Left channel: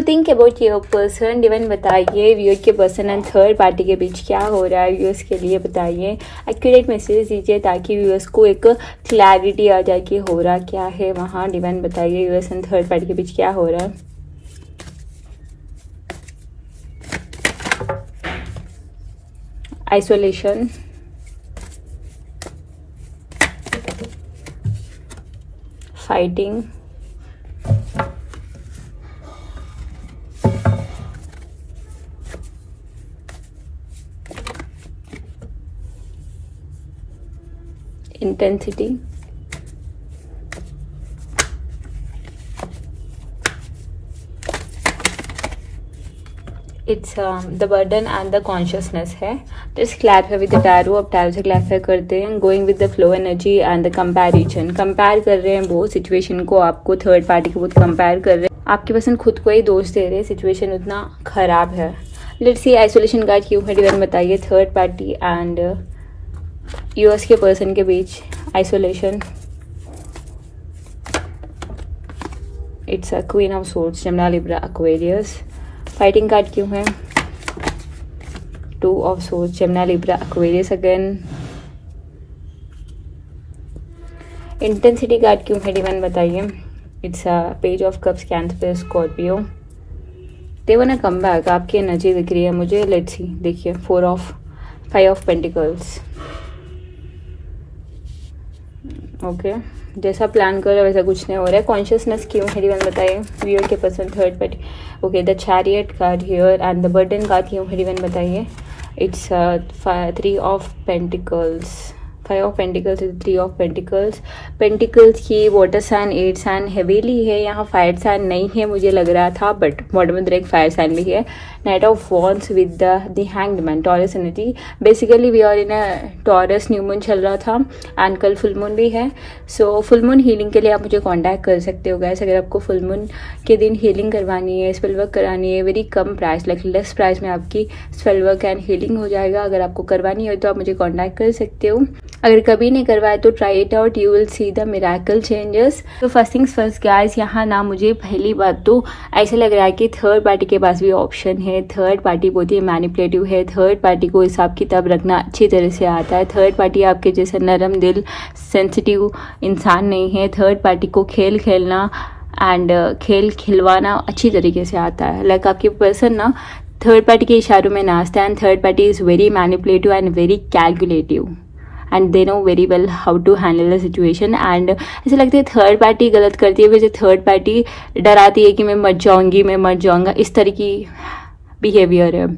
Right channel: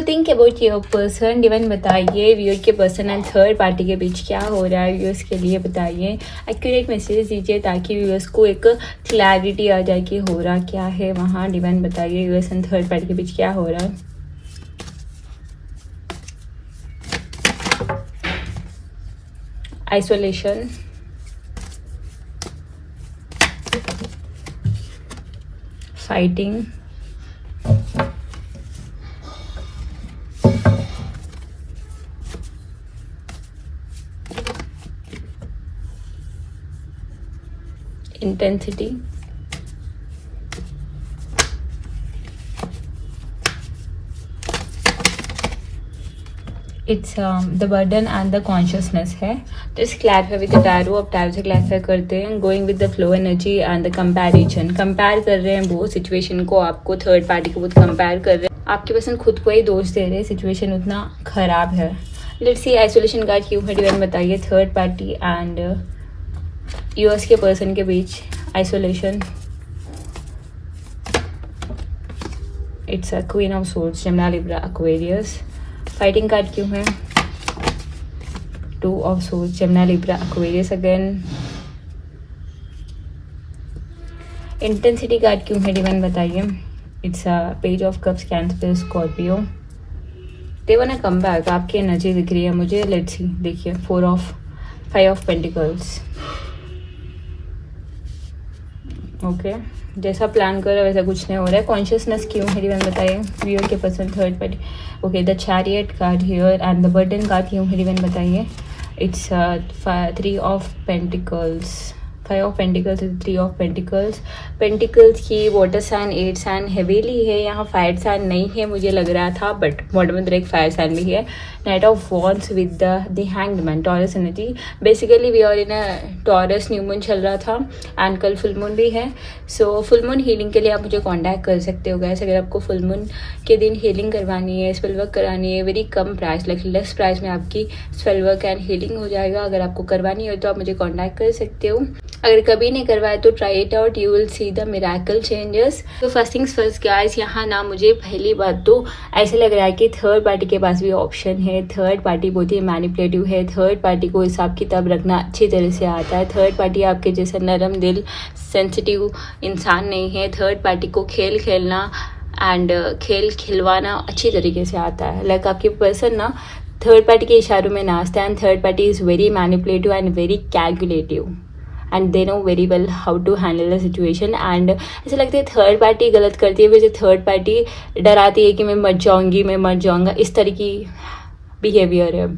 Think about your person, even बताइए viewer के person and third party के बीच क्या हो रहा है, व्यूअर्स के लिए बताइए, एक्यूरेट मैसेज दीजिए ताकि व्यूअर्स को एक क्लैरिटी आ जाए कि हो रहा क्या है वहाँ। डिवाइन बताइए व्यूअर्स एंड थर्ड पार्टी के बीच क्या हो रहा है। Isolation, fighting, intensity, it's the burden and the consciousness है। Just clarify with the tarot, अब tarot से clarify करते हैं। Going with the flow energy and the comparison, compare कर रहे हैं बहुत सिचुएशन को, आपको थर्ड पार्टी को बहुत कंपेयर कर रहे हैं, आपके पसंद खुद को ही दोष दे रहे हैं, सिचुएशन उतना खराब है। लेट्स सी आइसोलेशन कार्ड क्यों है, डिवाइन बताइए थर्ड पार्टी एंड यूएस के पर्सन के बीच आइसोलेशन। It's a queen of swords, Gemini, Libra, Aquarius. Fighting card क्यों है, two of swords, Gemini, Libra, Aquarius again. Intensity card क्यों है, डिवाइन बताइए। It's a page of cups, Cancer, Scorpio. They want to come back, आपकी energy दिख रही है मुझे। लेट्स सी, देखिए फाइव ऑफ पेंटिकल्स। ओके, जैसा प्लान कर रहे हो वैसा कुछ नहीं हो रहा है। कॉन्शियसनेस क्यों है, डिवाइन बताइए व्यूअर के person third party. Okay, the chariot card here and the burden card क्यों है, डिवाइन बताइए। It's three of pentacles, five of pentacles, three of pentacles. Pentacles की water sign, eight sign heavily है, यहाँ fire sign नहीं है मुझे लग रहा था, बट बॉटम में एक फायर साइन भी है। Knight of wands with the hanged man, Taurus energy. Basically we are in a Taurus, new moon चल रहा था एंड कल फुल मून भी है। सो फुल मून हीलिंग के लिए आप मुझे कांटेक्ट कर सकते हो गाइस, अगर आपको फुल मून के दिन हीलिंग करवानी है, स्पेल वर्क करानी है, वेरी कम प्राइस, लाइक लेस प्राइस में आपकी स्पेल वर्क एंड हीलिंग हो जाएगा। अगर आपको करवानी हो तो आप मुझे कॉन्टैक्ट कर सकते हो। अगर कभी नहीं करवाया तो try it out, you will see the miracle changes. तो फर्स्ट थिंग्स फर्स्ट गाइस, यहाँ ना मुझे पहली बात तो ऐसा लग रहा है कि थर्ड पार्टी के पास भी ऑप्शन है। थर्ड पार्टी बहुत ही मैनिपुलेटिव है, थर्ड पार्टी को हिसाब किताब रखना अच्छी तरह से आता है। थर्ड पार्टी आपके जैसे नरम दिल सेंसिटिव इंसान नहीं है। थर्ड पार्टी को खेल खेलना एंड खेल खिलवाना अच्छी तरीके से आता है। लाइक आपके पर्सन ना थर्ड पार्टी के इशारों में नाचता है। And third party is very manipulative and very calculative and they know very well how to handle the situation. And ऐसा लगता है थर्ड पार्टी गलत करती है, वैसे थर्ड पार्टी डराती है कि मैं मर जाऊंगी, मैं मर जाऊंगा, इस तरह की बिहेवियर है।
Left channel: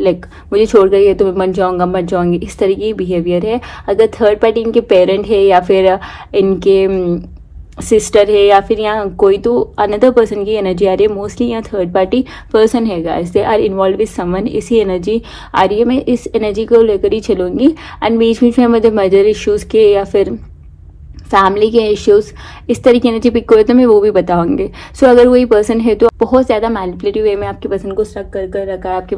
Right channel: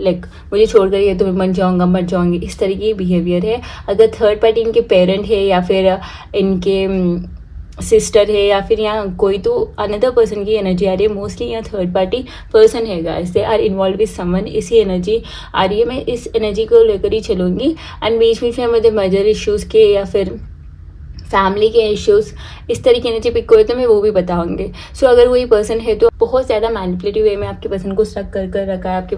लाइक मुझे छोड़ कर ये तो मैं मर जाऊंगी, इस तरह की बिहेवियर है। अगर थर्ड पार्टी इनके पेरेंट है या फिर इनके सिस्टर है या फिर यहाँ कोई तो अनदर पर्सन की एनर्जी आ रही है, मोस्टली यहाँ थर्ड पार्टी पर्सन है guys, they are involve with someone, इसी एनर्जी आ रही है। मैं इस एनर्जी को लेकर ही चलूंगी एंड बीच बीच में मुझे मेजर इश्यूज के या फिर फैमिली के इश्यूज इस तरह की एनर्जी पिक हुए तो मैं वो भी बताऊंगी। सो अगर वही पर्सन है तो बहुत ज़्यादा मैनिपुलेटिव वे में आपके पर्सन को स्ट्रक कर रखा है। आपके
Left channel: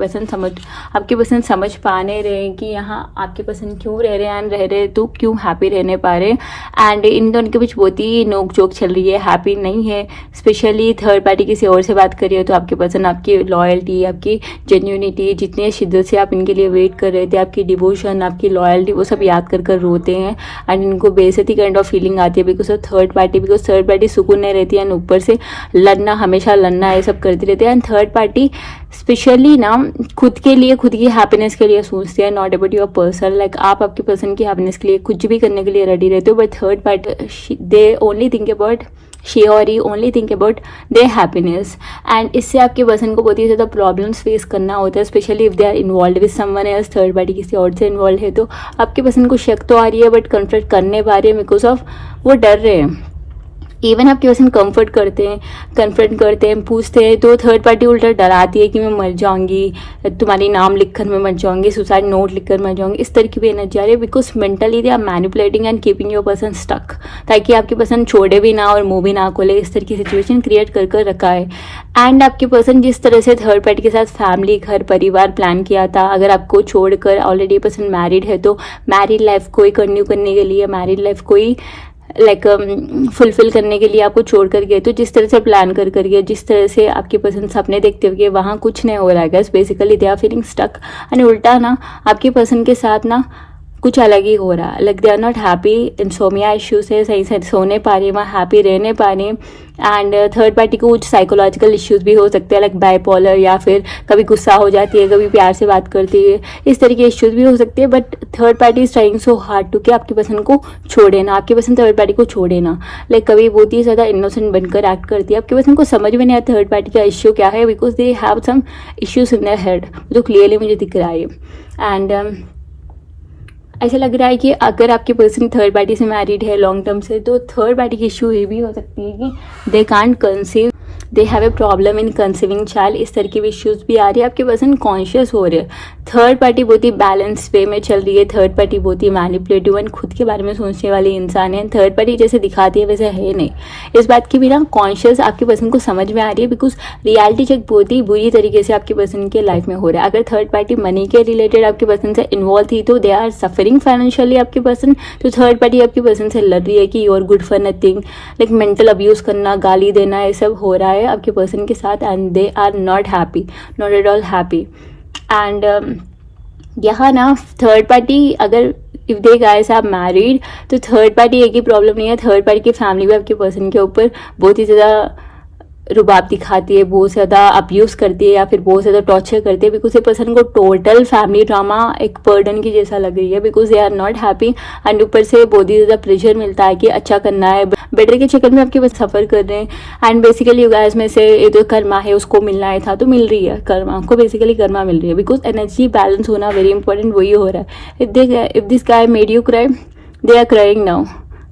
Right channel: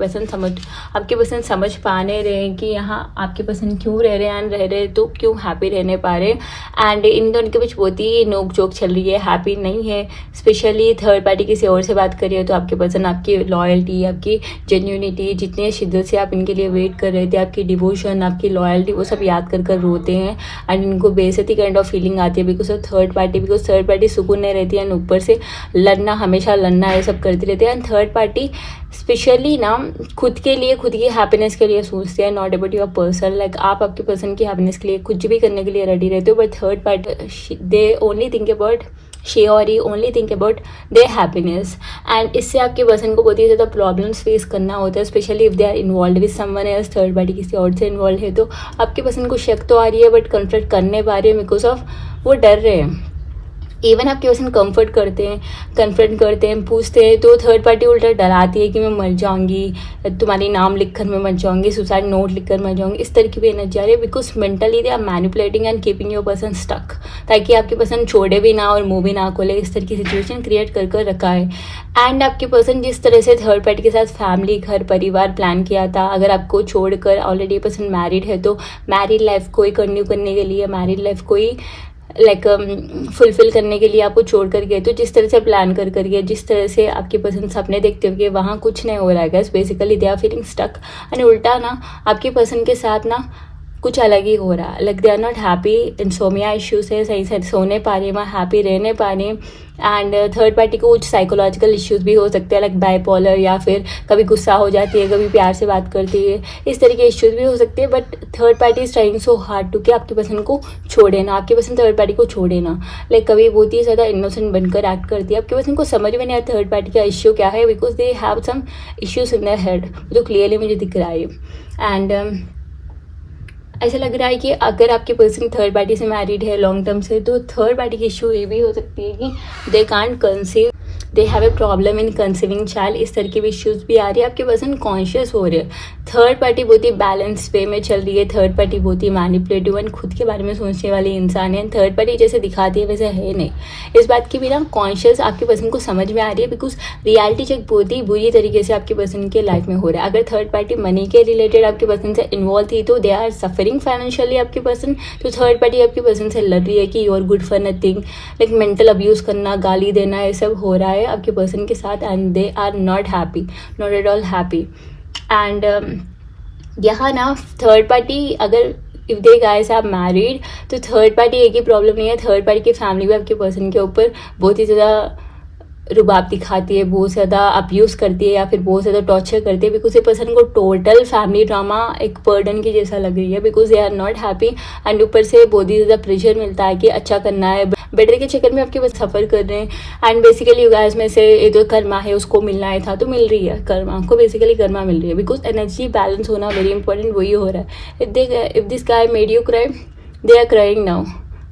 पर्सन समझ पा नहीं रहे हैं कि यहाँ आपके पर्सन क्यों रह रहे हैं एंड रह रहे तो क्यों हैप्पी रहने पा रहे हैं। एंड इन दोनों के बीच बहुत ही नोक झोंक चल रही है, हैप्पी नहीं है। स्पेशली थर्ड पार्टी किसी और से बात करिए तो आपके पर्सन आपकी लॉयल्टी, आपकी जेन्यूनिटी, जितने शिद्दत से आप इनके लिए वेट कर रहे थे, आपकी डिवोशन, आपकी लॉयल्टी, वो सब याद कर रोते हैं एंड इनको बेइज्जती काइंड ऑफ फीलिंग आती है because of third party. Because third party सुकून नहीं रहती है एंड ऊपर से लड़ना, हमेशा लड़ना, ये सब करती रहती है। एंड थर्ड पार्टी स्पेशली ना खुद के लिए, खुद की हैप्पीनेस के लिए सोचते हैं, not about your person. Like आप आपके पर्सन की हैप्पीनेस के लिए कुछ भी करने के लिए रेडी रहते हो, but third party they only think about, she or he only think about their happiness। and इससे आपके पर्सन को बहुत ही ज़्यादा प्रॉब्लम्स फेस करना होता है, specially if they are involve with someone else. Third party किसी और से इन्वॉल्व है तो आपके पर्सन को शक तो आ रही है बट कन्फ्रंट करने पा रही है बिकॉज ऑफ वो डर रहे हैं। इवन आपके पर्सन कन्फ्रंट करते हैं, पूछते हैं तो थर्ड पार्टी उल्टा डराती है कि मैं मर जाऊंगी, तुम्हारी नाम लिखकर मैं मर जाऊंगी, सुसाइड नोट लिखकर मर जाऊंगी, इस तरह की भी एनर्जी आ रही है। Because mentally they are manipulating and keeping your person stuck, ताकि आपके पर्सन छोड़े भी ना और मुंह भी ना खोले, इस तरह की सिचुएशन क्रिएट कर रखा है। एंड आपके पर्सन जिस तरह से थर्ड पार्टी के साथ फैमिली, घर, परिवार प्लान किया था, अगर आपको छोड़कर ऑलरेडी पर्सन मैरिड है तो मैरिड लाइफ को ही कंटिन्यू करने के लिए, मैरिड लाइफ को ही लाइक फुलफिल करने के लिए आपको छोड़ कर गए। तो जिस तरह से प्लान कर करके, जिस तरह से आपकी पसंद सपने देखते हुए, वहाँ कुछ नहीं हो रहा है guys. Basically they are feeling stuck and उल्टा ना आपकी पसंद के साथ ना कुछ अलग ही हो रहा है। Like they are not happy, insomnia issues है, सही से सोने पा रही, वहाँ हैप्पी रहने पा रही। एंड थर्ड पार्टी को कुछ साइकोलॉजिकल इश्यूज भी हो सकते हैं, लाइक बाइपोलर, या फिर कभी गुस्सा हो जाती है, कभी प्यार से बात करती है, इस तरह के इश्यूज भी हो सकते हैं। But third party is trying so hard to कि आपकी पसंद को छोड़े ना, आपकी पसंद थर्ड पार्टी को छोड़े ना। लाइक कभी बहुत ही ज़्यादा इनोसेंट बनकर एक्ट करती है, आपकी पसंद को समझ में नहीं आता थर्ड पार्टी का इश्यू क्या है, because they have some issues in their head, जो क्लियरली मुझे दिख रहा है। एंड ऐसा लग रहा है कि अगर आपकी पर्सन थर्ड पार्टी से मैरिड है लॉन्ग टर्म से, तो थर्ड पार्टी की इशू ये भी हो सकती है कि they can't conceive, they have a problem in conceiving child. इस तरह के इश्यूज भी आ रही है। आपके पर्सन कॉन्शियस हो रहे हैं। थर्ड पार्टी बहुत ही बैलेंस वे में चल रही है। थर्ड पार्टी बहुत ही मैनिपुलेटिव एंड खुद के बारे में सोचने वाली इंसान है। थर्ड पार्टी जैसे दिखाती है वैसे है नहीं। इस बात की भी ना कॉन्शियस आपके पर्सन को समझ में आ रही है, बिकॉज रियलिटी चेक बहुत ही बुरी तरीके से आपके पर्सन के लाइफ में हो रहा है। अगर थर्ड पार्टी मनी के रिलेटेड आपके पर्सन से इन्वॉल्व थी तो दे आर सफरिंग फाइनेंशियली आपके पर्सन। तो थर्ड पार्टी आपके पर्सन से लड़ रही है कि you are good for nothing, like mental abuse करना, गाली देना, ये सब हो रहा है आपके पर्सन के साथ। And they are not happy, not at all happy. And यहाँ ना थर्ड पार्टी, अगर if they guys are married, तो थर्ड पार्टी एक ही प्रॉब्लम नहीं है, थर्ड पार्टी की फैमिली भी आपके पर्सन के ऊपर बहुत ही ज़्यादा रुबाब दिखाती है, बहुत ज़्यादा अब्यूज करती है, या फिर बहुत ज़्यादा टॉर्चर करती है, बिकॉज ये पर्सन को टोटल फैमिली ड्रामा एक बर्डन की जैसा लग रही है, because they are not happy. And ऊपर से बहुत ही ज़्यादा प्रेशर मिलता है कि अच्छा करना है, बेटर के चक्कर में आपके पास सफ़र कर रहे हैं। एंड बेसिकली गाइस में से ये जो कर्मा है उसको मिलना है था तो मिल रही है, कर्मा को बेसिकली कर्मा मिल रही है, बिकॉज एनर्जी बैलेंस होना वेरी इंपॉर्टेंट, वही हो रहा है। If this guy made you cry, they are crying now,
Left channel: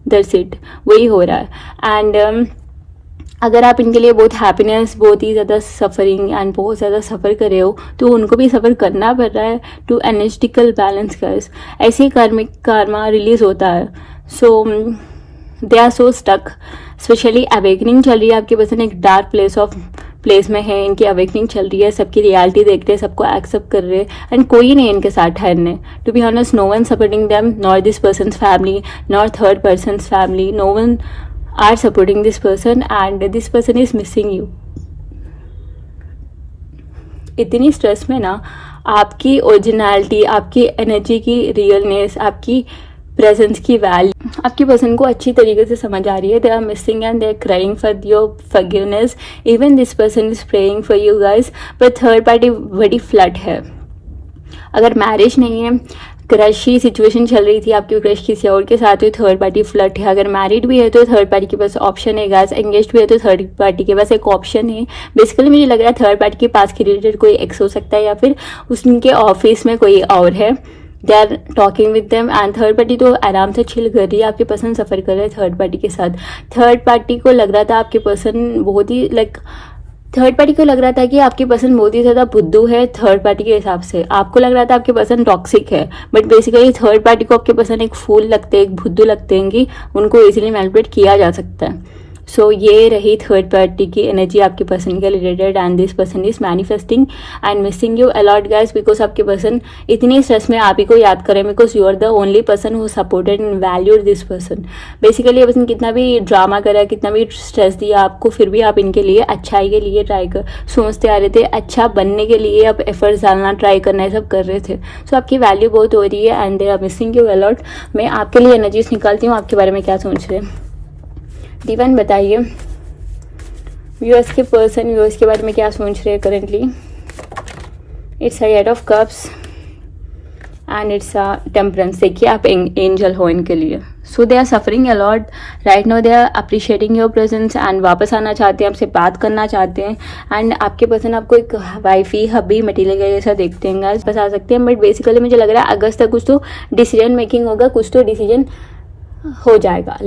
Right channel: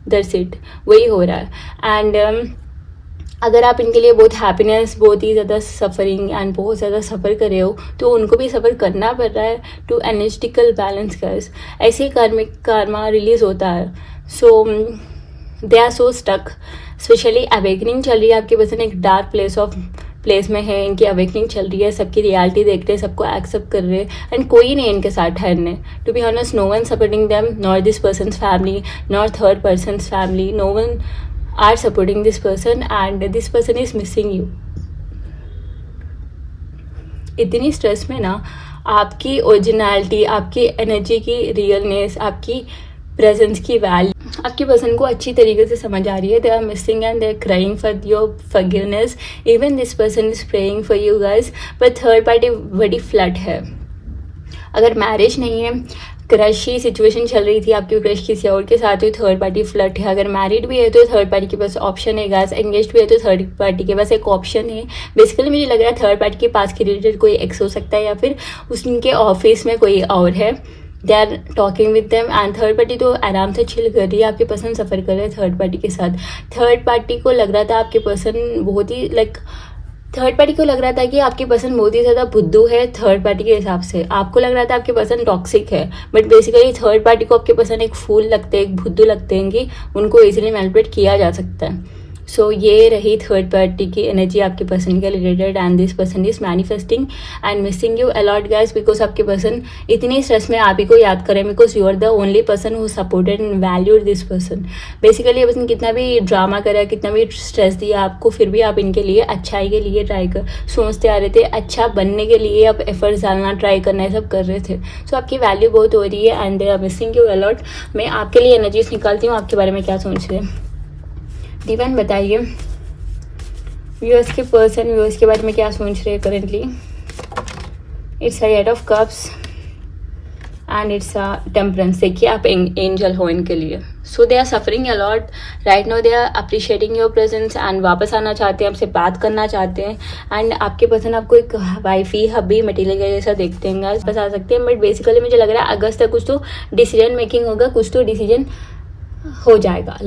that's it, वही हो रहा है। एंड अगर आप इनके लिए बहुत हैप्पीनेस, बहुत ही ज़्यादा सफरिंग एंड बहुत ज़्यादा सफ़र कर रहे हो, तो उनको भी सफ़र करना पड़ रहा है टू एनर्जेटिकल बैलेंस गाइस। ऐसे ही कार्मिक कार्मा रिलीज होता है। So they are so stuck, specially awakening चल रही है आपके पर्सन एक डार्क प्लेस में है, इनकी अवेकनिंग चल रही है, सबकी रियलिटी देख रहे हैं, सबको एक्सेप्ट कर रहे हैं, एंड कोई नहीं इनके साथ ठहरने। To be honest, no one supporting them, not this person's family, not third person's family, no one are supporting this person and this person is missing you। इतनी स्ट्रेस में ना आपकी ओरिजिनलिटी, आपकी एनर्जी की रियलनेस, आपकी presence की value आपकी person को अच्छी तरीके से समझ आ रही है। They are missing and they are crying for your forgiveness, even this person is praying for you guys. पर थर्ड पार्टी बड़ी फ्लड है। अगर मैरिज नहीं है, क्रश की सिचुएशन चल रही थी, आपकी क्रश किसी और के साथ हुई, थर्ड पार्टी फ्लर्ट है। अगर मैरिड भी है तो थर्ड पार्टी के पास ऑप्शन है गाइस, एंगेज्ड भी है तो थर्ड पार्टी के पास एक ऑप्शन है। बेसिकली मुझे लग रहा है थर्ड पार्टी के पास रिलेटेड कोई एक्स हो सकता है, या फिर उसके ऑफिस में कोई और है, they are talking with them. And third party तो आराम से चिल कर रही है, आपके पर्सन सफर कर रहे हैं थर्ड पार्टी के साथ। थर्ड पार्टी को लग रहा था आपके पर्सन बहुत ही थर्ड पार्टी को लग रहा था कि आपके पर्सन बहुत ही ज्यादा बुद्धू है थर्ड पार्टी के हिसाब से। आपको लग रहा था आपके पर्सन टॉक्सिक है, बट बेसिकली थर्ड पार्टी को आपके पर्सन एक फूल लगते हैं, एक बुद्धू लगते हैं कि उनको इजीली मैनिपुलेट किया जा सकता है। सो ये रही थर्ड पार्टी की एनर्जी आपके पर्सन के related. And this person is manifesting and missing you a lot guys, because आपके पर्सन इतनी स्ट्रेस में आप ही को याद करें, because you are the only person who supported and valued this person. Basically ये पर्सन कितना भी ड्रामा करा, कितना भी स्ट्रेस दिया आपको, फिर भी आप इनके लिए अच्छाई के लिए सोचते आ रहे थे, अच्छा बनने के लिए आप एफर्ट्स डालना, ट्राई करना, ये सब कर रहे थे। सो आपकी वैल्यू बहुत हो रही है and they are missing you a lot. मैं आपके लिए एनर्जीज निकालती हूँ, आपके बारे में क्या सोच रहे हैं दीवान बताइए। व्यूअर्स के पर्सन व्यूअर्स के बारे में क्या सोच रहे हैं currently. It's eight of cups and it's a temperance. देखिए आप एंजल हो इनके लिए। So they are suffering a lot right now, they are appreciating your presence and वापस आना चाहते हैं, आपसे बात करना चाहते हैं। एंड आपके पर्सन आपको एक वाइफी हबी मटीरियल जैसा देखते हैं, बस आ सकते हैं। बट बेसिकली मुझे लग रहा है अगस्त तक कुछ तो डिसीजन मेकिंग होगा, कुछ तो डिसीजन हो जाएगा।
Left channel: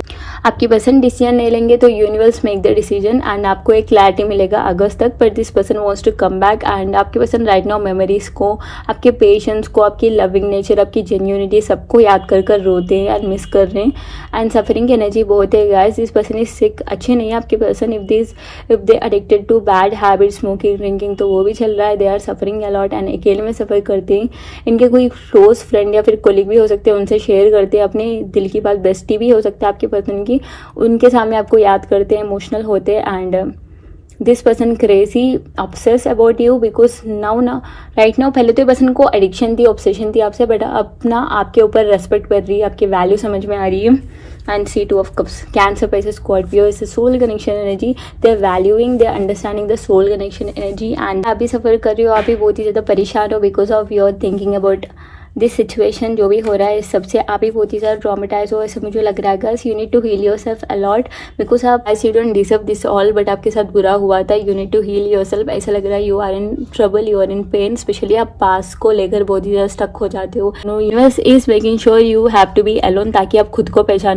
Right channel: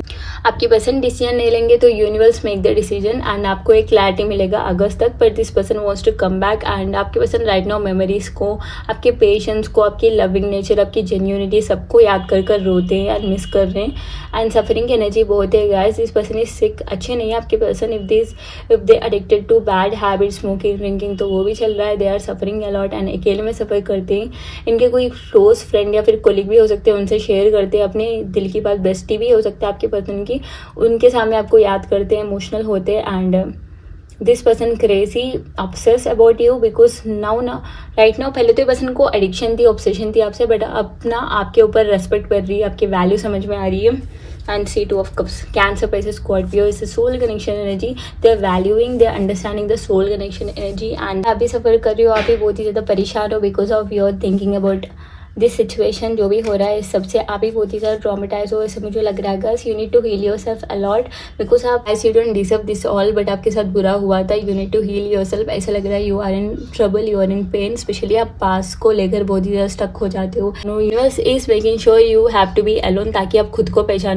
आपकी पर्सन डिसीजन नहीं लेंगे तो universe make the decision and आपको एक क्लैरिटी मिलेगा अगस्त तक। पर this person wants to come back and आपके पर्सन राइट नाउ मेमोरीज को, आपके पेशेंस को, आपकी लविंग नेचर, आपकी जेन्युइनिटी सबको याद कर कर रोते हैं एंड मिस कर रहे हैं। एंड सफरिंग की एनर्जी बहुत है guys. This person is sick, अच्छे नहीं है आपके पर्सन। If they addicted to bad habit, smoking, drinking, तो वो भी चल रहा है। They are suffering a lot and अकेले में सफर करते हैं। इनके कोई क्लोज फ्रेंड या फिर कोलिग भी हो सकते हैं, उनसे शेयर करते हैं अपने दिल की बात, बेस्टी दोस्ती भी हो सकता है आपके पर्सन की, उनके सामने आपको याद करते हैं, इमोशनल होते हैं and this person crazy obsess about you because now ना राइट नाउ, पहले तो ये पर्सन को एडिक्शन थी, ऑब्सेशन थी आपसे, बट अब ना आपके ऊपर रेस्पेक्ट कर रही है, आपकी वैल्यू समझ में आ रही है. And see two of cups, Cancer पैसे Scorpio is soul connection energy. They are valuing, they are understanding the soul connection energy. And आप भी सफर कर रहे हो, आप भी बहुत ही ज़्यादा परेशान हो because of your thinking about this situation. जो भी हो रहा है इस सबसे आप भी बहुत ही ज़्यादा ट्रॉमेटाइज हो, ऐसे मुझे लग रहा है. Girls you need to heal yourself a lot because आप I you don't deserve this all, but आपके साथ बुरा हुआ था. You need to heal yourself. ऐसा लग रहा है you are in trouble, you are in pain. Specially आप पास को लेकर बहुत ही ज़्यादा स्टक हो जाते हो. Universe is making sure you have to be alone, ताकि आप खुद को पहचान